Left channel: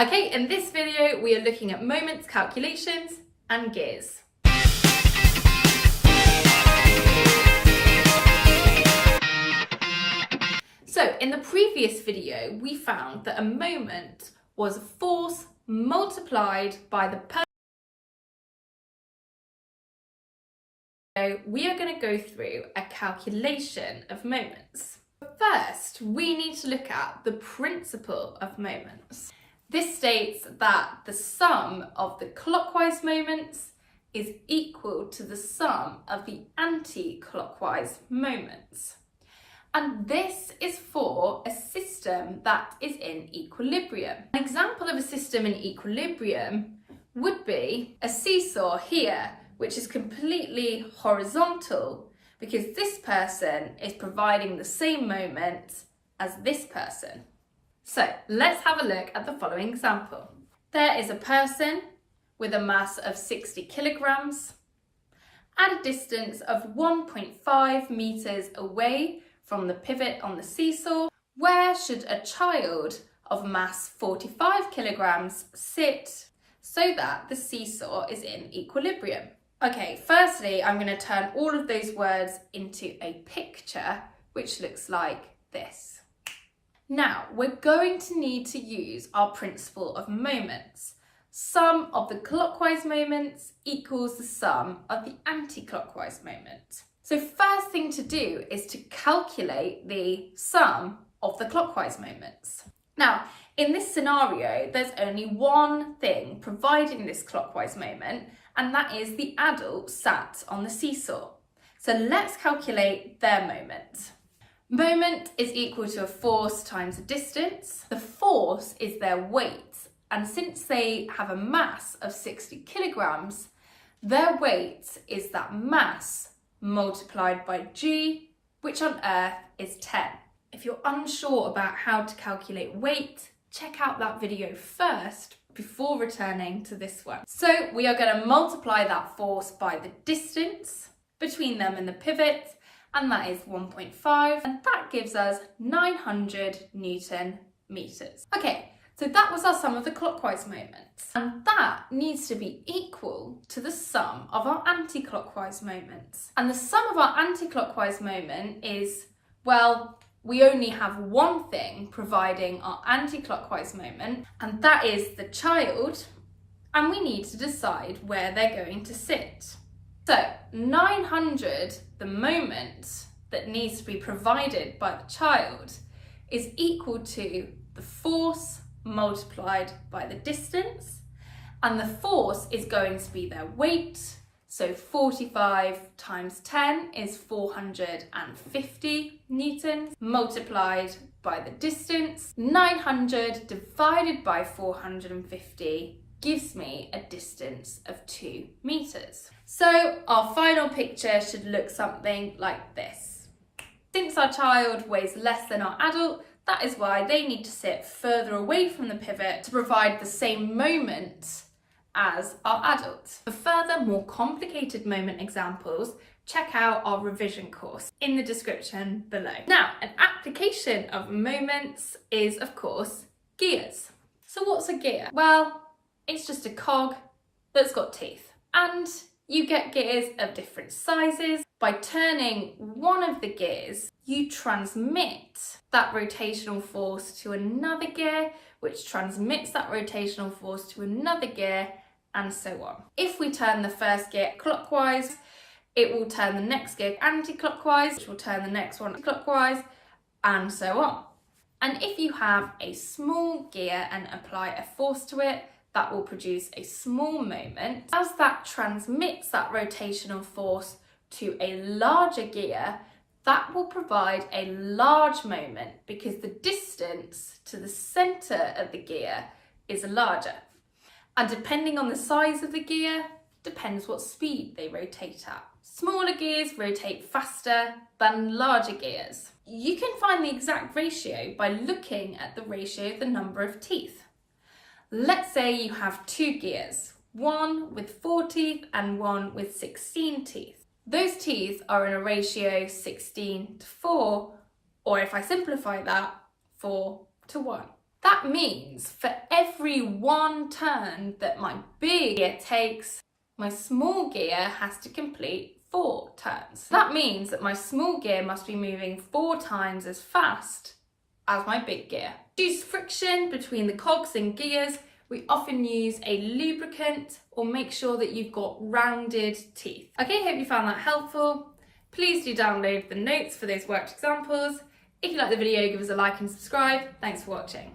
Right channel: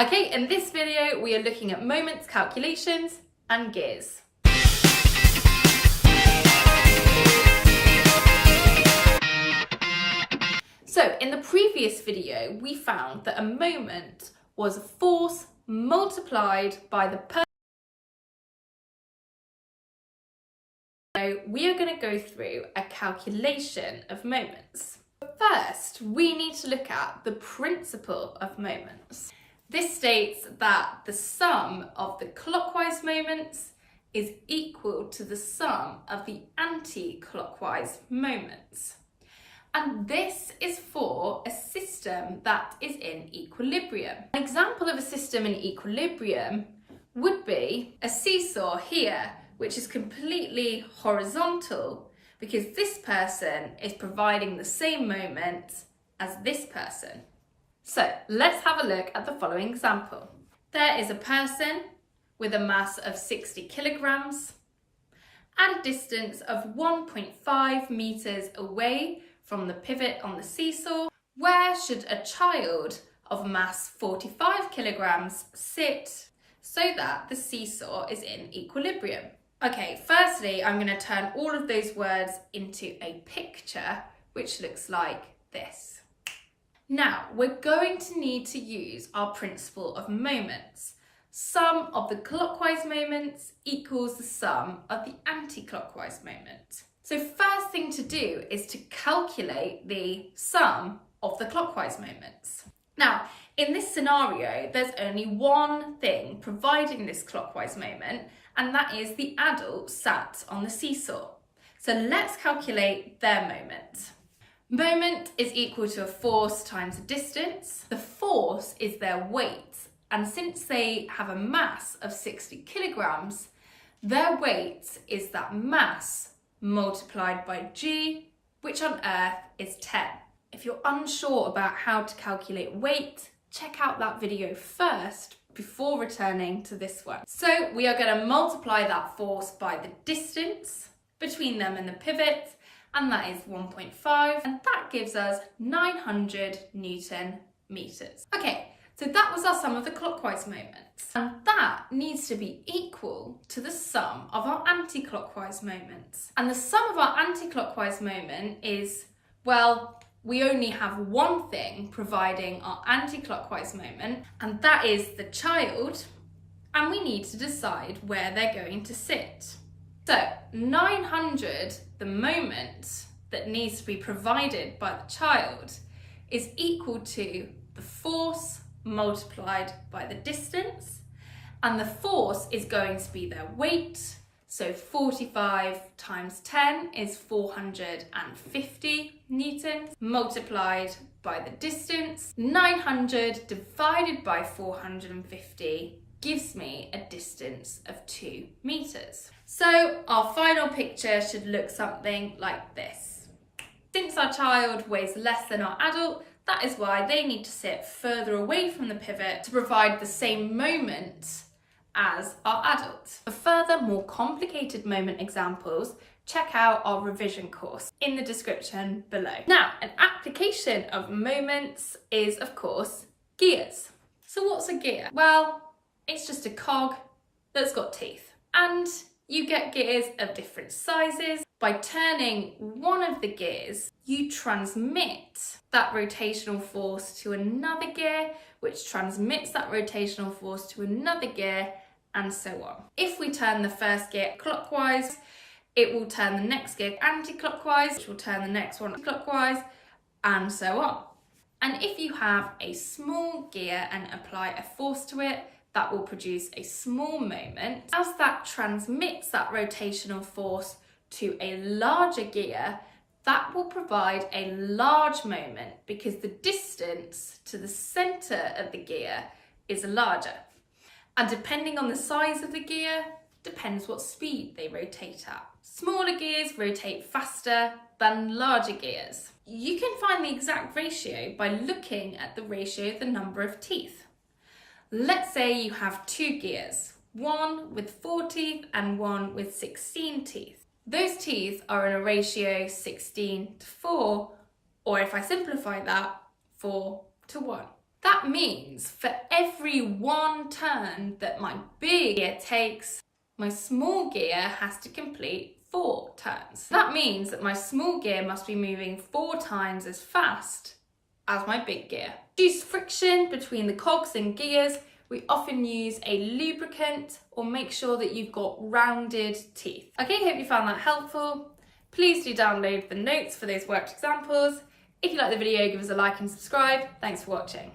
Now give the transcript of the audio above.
Okay, in this video we are looking at moments, calculations and gears. So in the previous video we found that a moment was a force multiplied by the person. So we are going to go through a calculation of moments. First, we need to look at the principle of moments. This states that the sum of the clockwise moments is equal to the sum of the anti-clockwise moments. And this is for a system that is in equilibrium. An example of a system in equilibrium would be a seesaw here, which is completely horizontal because this person is providing the same moment as this person. So let's have a look at the following example. There is a person with a mass of 60 kilograms at a distance of 1.5 meters away from the pivot on the seesaw. Where should a child of mass 45 kilograms sit so that the seesaw is in equilibrium? Okay, firstly, I'm going to turn all of those words into a picture, which looks like this. Now, we're going to need to use our principle of moments. Sum of the clockwise moments equals the sum of the anti-clockwise moment. So first thing to do is to calculate the sum of the clockwise moments. Now, in this scenario, there's only one thing providing this clockwise moment, and that is the adult sat on the seesaw. So let's calculate their moment. Moment is equal to a force times a distance. The force is their weight, and since they have a mass of 60 kilograms, their weight is that mass multiplied by g, which on Earth is 10. If you're unsure about how to calculate weight, check out that video first before returning to this one. So we are going to multiply that force by the distance between them and the pivot, and that is 1.5, and that gives us 900 Newton meters. Okay, so that was our sum of the clockwise moments, and that needs to be equal to the sum of our anti-clockwise moments. And the sum of our anti-clockwise moment is, well, we only have one thing providing our anti-clockwise moment, and that is the child, and we need to decide where they're going to sit. So 900, the moment that needs to be provided by the child, is equal to the force multiplied by the distance, and the force is going to be their weight. So 45 times 10 is 450 newtons, multiplied by the distance. 900 divided by 450 gives me a distance of 2 meters. So our final picture should look something like this. Since our child weighs less than our adult, that is why they need to sit further away from the pivot to provide the same moment as our adults. For further, more complicated moment examples, check out our revision course in the description below. Now, an application of moments is, of course, gears. So what's a gear? Well, it's just a cog that's got teeth. And you get gears of different sizes. By turning one of the gears, you transmit that rotational force to another gear, which transmits that rotational force to another gear, and so on. If we turn the first gear clockwise, it will turn the next gear anti-clockwise, which will turn the next one clockwise, and so on. And if you have a small gear and apply a force to it, that will produce a small moment. As that transmits that rotational force to a larger gear, that will provide a large moment because the distance to the centre of the gear is larger. And depending on the size of the gear, depends what speed they rotate at. Smaller gears rotate faster than larger gears. You can find the exact ratio by looking at the ratio of the number of teeth. Let's say you have two gears, one with 4 teeth and one with 16 teeth. Those teeth are in a ratio 16 to 4, or if I simplify that, 4 to 1. That means for every one turn that my big gear takes, my small gear has to complete 4 turns. That means that my small gear must be moving 4 times as fast as my big gear. To reduce friction between the cogs and gears, we often use a lubricant or make sure that you've got rounded teeth. Okay, hope you found that helpful. Please do download the notes for those worked examples. If you like the video, give us a like and subscribe. Thanks for watching.